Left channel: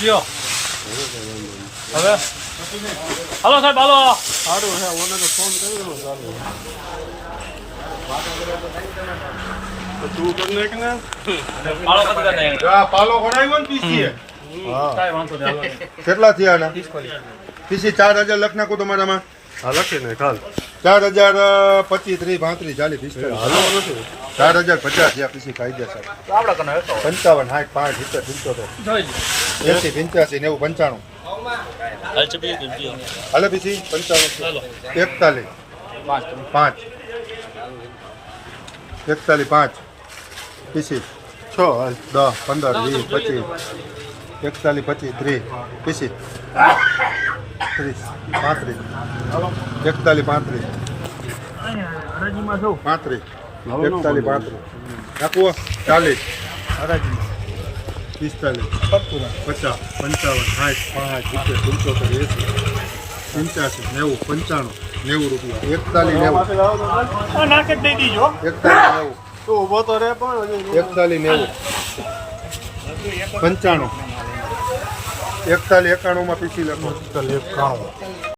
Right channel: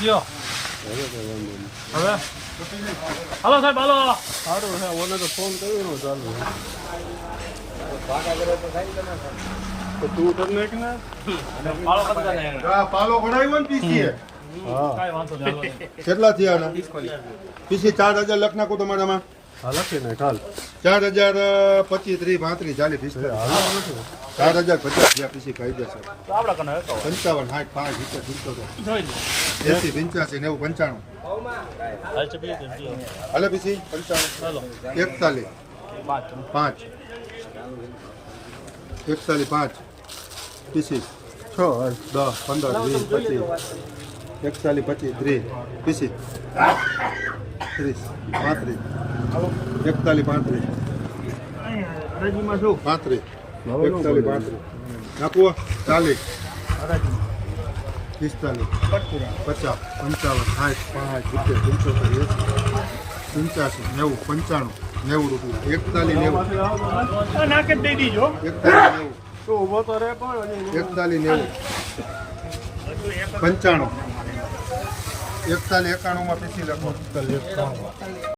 લ્યો હવે હાલો સાહેબ હાલો સારું છે ઓલો તો ફોન કર્યો ચાલુ તો તું કરી નાખ ને પાળો કદ કરે આ પાલો ભરાયો ને પીસી હા કાઈ વાંધો નહીં કેટલા થયા આના પીસી 4000 લખ નાખો તમારામાં હા લખી નાખ હાલ 4000 25 30 35 40 હાલો 45 નથી 4050 થયા પીસી કાયદેસર તો આપડા કને હતો 55 60 65 જોઈ 80 85 90 95 હાલ ચપી કેમ જીઓ હાલે પીસી 55 હાલો 41 5 41 5 પીસી 6 હાલ 10 15 20 25 41 25 30 પીસી 30 35 41 35 હરાજીમાં શું 35 41 35 નાખવો 40 45 50 55 60 65 70 80 85 90 95 90 રૂપિયા 41 90 નાખી દઈ દીજો 41 90 તું ઊભો તો રે પણ 41 90 95 41 91 માં પીસી લખો 91